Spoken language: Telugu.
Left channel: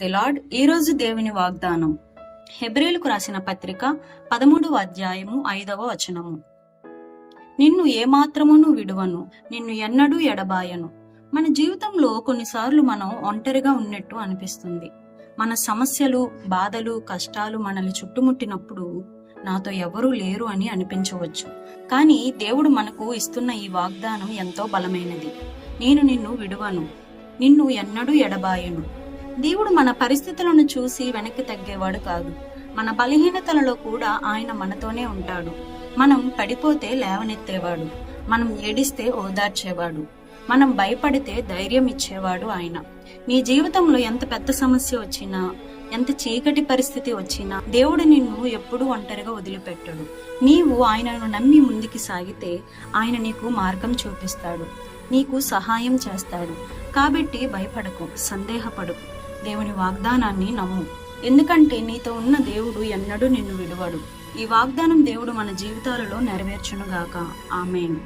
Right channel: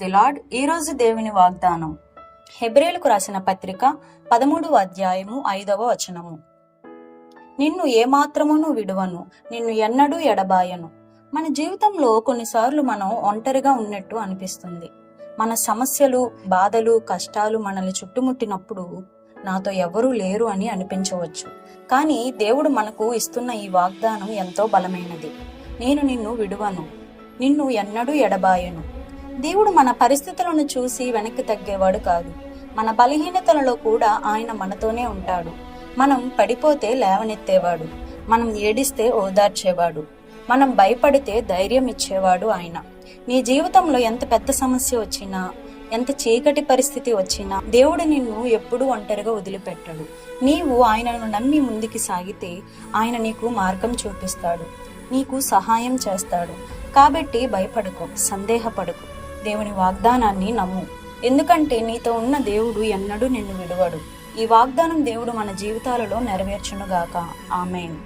The lord. ఈరోజు దేవుని వాగ్దానం హెబ్రీయులకు రాసిన పత్రిక 13వ అధ్యాయము 5వ వచనము. నిన్ను ఏమాత్రమును విడువను, నిన్ను ఎన్నడూ ఎడబాయను. మన జీవితంలో కొన్నిసార్లు మనం ఒంటరిగా ఉన్నట్టు అనిపిస్తుంది. మన సమస్యలు, బాధలు, కష్టాలు మనల్ని చుట్టుముట్టినప్పుడు నాతో ఎవరూ లేరు అని అనిపించవచ్చు. కానీ దేవుడు మనకు ఇస్తున్న ఈ వాగ్దానం ఎంతో బలమైనది. నేను నిన్ను విడువను, నిన్ను ఎన్నడూ ఎడబాయను. దేవుడు మన పరిస్థితులను చూసి వెనక్కి తగ్గేవాడు కాదు. మన బలహీనతలలో కూడా ఆయన మనతోనే ఉంటాడు. మనం పడిపోతే లేవనెత్తేవాడు, మనం ఏడిస్తే ఓదార్చేవాడు, మనం భయపడితే ధైర్యం ఇచ్చేవాడు ఆయన. నీ జీవితంలో ఎంత పెద్ద సమస్య వచ్చినా, ఎంత చీకటి పరిస్థితి వచ్చినా దేవుడు నిన్ను ఎప్పుడూ ఒంటరిగా వదిలిపెట్టడు. నీవు ఆయనను నమ్మి ముందుకు సాగితే ఆయన నీకు మార్గం చూపిస్తాడు, నీకు సహాయం చేస్తాడు. కాబట్టి భయపడకు, సందేహపడకు, దేవుని వాగ్దానాన్ని నమ్ము. ఎందుకంటే నీతో ఉన్న దేవుడు ఎన్నడూ నిన్ను విడువడు. ఈ వాగ్దానం దేవుడు మన జీవితాలలో నెరవేర్చునుగాక. ఆమేన్.